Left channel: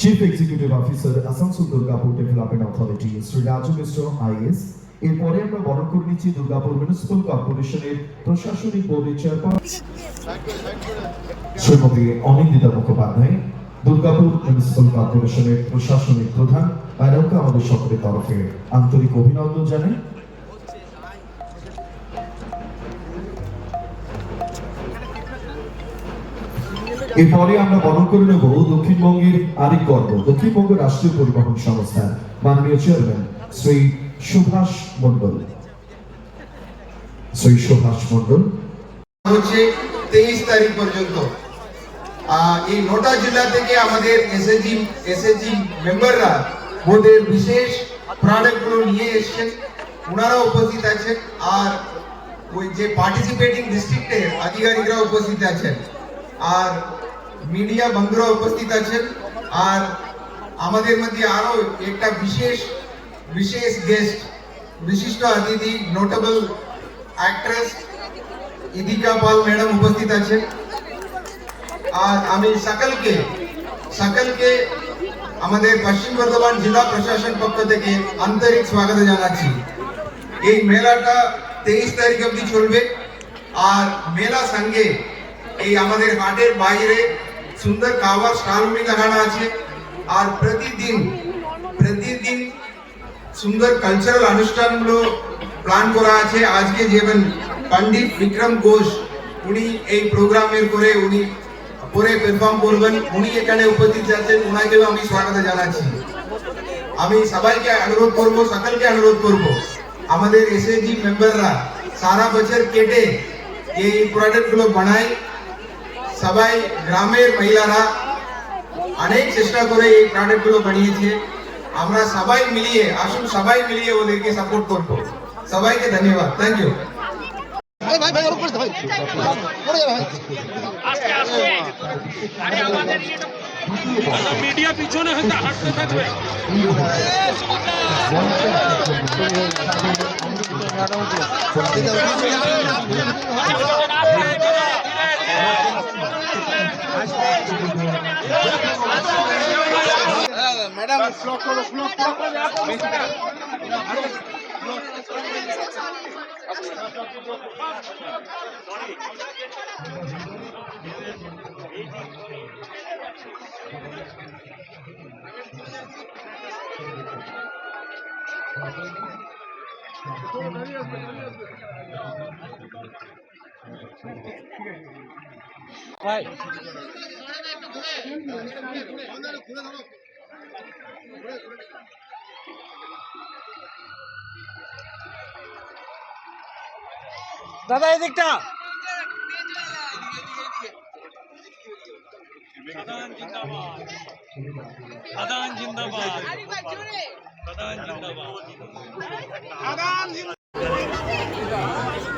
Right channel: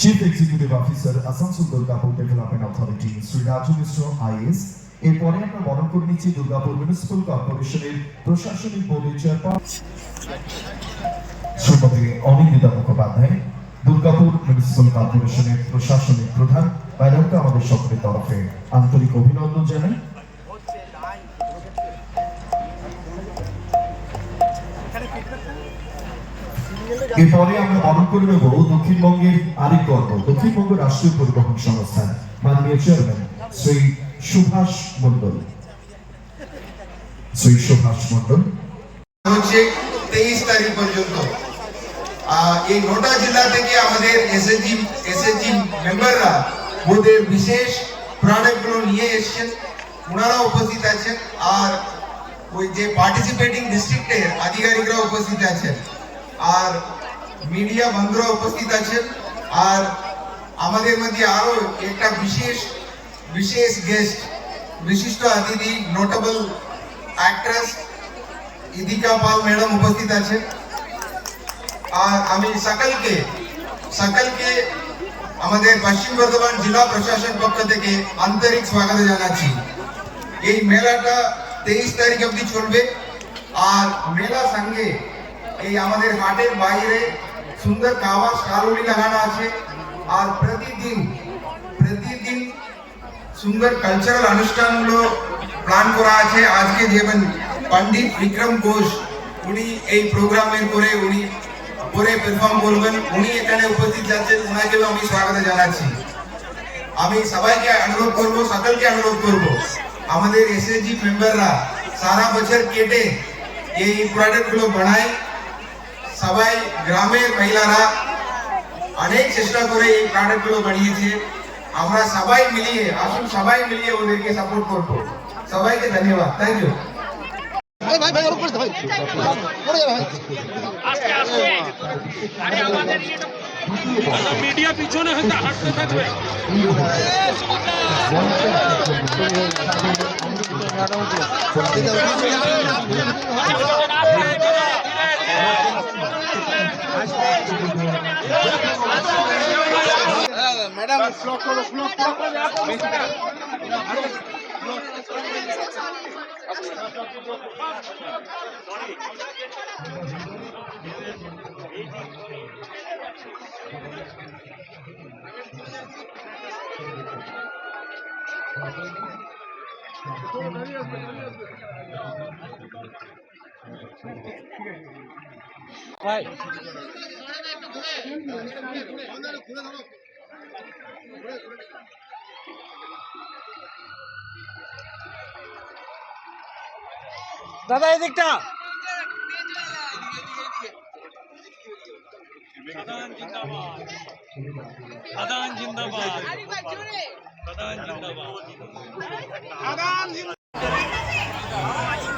Chief executive officer Asansol Durgapur development authority Shri Raju Mishra IS এরপরে আমরা বরণ করে নিচ্ছি দুর্গাপুর মিউনিসিপাল কর্পোরেশনের প্রশাসনিক বোর্ডের চেয়ারপারসন শ্রীমতী অনিন্দিতা মুখোপাধ্যায়, দুর্গাপুর মিউনিসিপাল কর্পোরেশনের প্রশাসনিক প্রধান ম্যাডামকে আমাদের সকলের তরফে আন্তরিক অভিনন্দন জানাই। এরপরে আমরা বরণ করে নেব দক্ষিণবঙ্গের আরেক গর্ব, দক্ষিণবঙ্গ রাষ্ট্রীয় পরিবহন সংস্থা, মাননীয় চেয়ারম্যান শ্রী সুভাষ মন্ডল শ্রী সুভাষ মন্ডল হচ্ছে তেইশ তারিখ পর্যন্ত। এই জেলা থেকে আমাদের মেম্বাররা ওদের বিশেষ প্রোডাক্টগুলো নিয়ে এসেছেন। ওনারা উপস্থিত আছেন আর ওই যে পার্টিসিপেটিং ডিস্ট্রিক্টের আধিকারিকরা উপস্থিত আছেন। আর মিডিয়া বন্ধুরা উপস্থিত আছেন। আর আমাদের মধ্যে আরও একটা বিশেষ বিশেষ গেস্ট বিশিষ্ট অতিথি notable actress Idika Pal madam উপস্থিত আছেন। আর আমি সকলকে সকলকে আমাদের পশ্চিম বর্ধমান জেলা প্রশাসন পক্ষ থেকে আন্তরিক স্বাগত জানাচ্ছি। এই মেলাটা তেইশ তারিখ অবধি চলবে। আর মেলা সঙ্গে এই আমাদের হাটের বাইরে সুন্দর খাওয়ার স্টলগুলি লাগানো আছে। আর প্রতিদিন প্রতিদিন সুন্দর কালচারাল অনুষ্ঠানগুলো প্ল্যান করা আছে। আজকে যেমন পণ্ডিত বিক্রম ঘোষ, উনি এই প্রোগ্রামের করে, উনি করে পারফর্ম করবেন। উনি এখানে উপস্থিত আছেন। ওনাকেও আমি স্বাগত জানাচ্ছি। আমি সবাইকে অনুরোধ করব, সকলকে অনুরোধ করব। আমাদের এসএসজি মেম্বাররা সারা বছর কেটে এই প্রোডাক্টগুলো বানায়। গ্রামের মহিলারা অনেক চেষ্টা করে এই প্রোডাক্টগুলো বানিয়েছে। আমরা সবাই মিলিয়ে আসুন সবাই মিলিয়ে ওদেরকে সাপোর্ট করব। সবাইকে ধন্যবাদ। থ্যাংক ইউ ভাই ভাই ভাই ভাই। পড়ে যাবে আস্তে আস্তে। আরে আমাদের মিডিয়া পিছনে হয়তো হাঁটতে থাকবে। ম্যাডাম স্লো করো স্লো দাদা এদিকটা আদান জিন্দাবাদ। আদান জিন্দাবাদ। আদান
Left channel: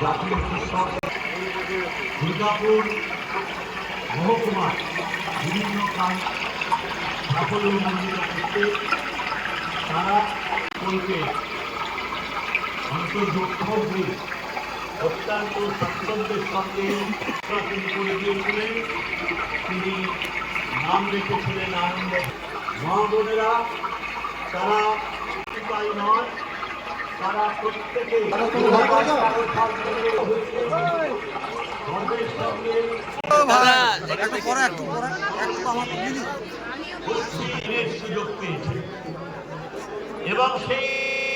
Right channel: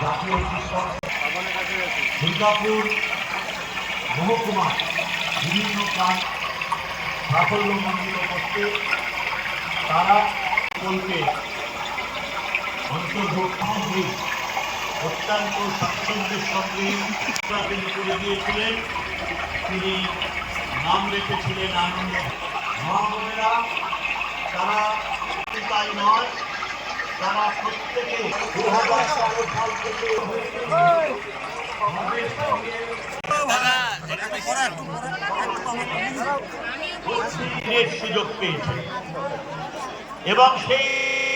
জাতীয় কৃষক দুর্গাপুর মহকুমা বিভিন্ন কাজ সাফল্যমণ্ডিত করতে তারা কোনকে অন্তর্ভুক্ত হয়ে অত্যন্ত স্বাচ্ছন্দ্যের সঙ্গে তিনি করে গিয়েছিলেন তিনি নাম রেখেছিলেন আনন্দ মহাবলীরা তারা তাই নয় তারা প্রত্যেকে দিনের সুযোগ পেয়েছে। এবং সেই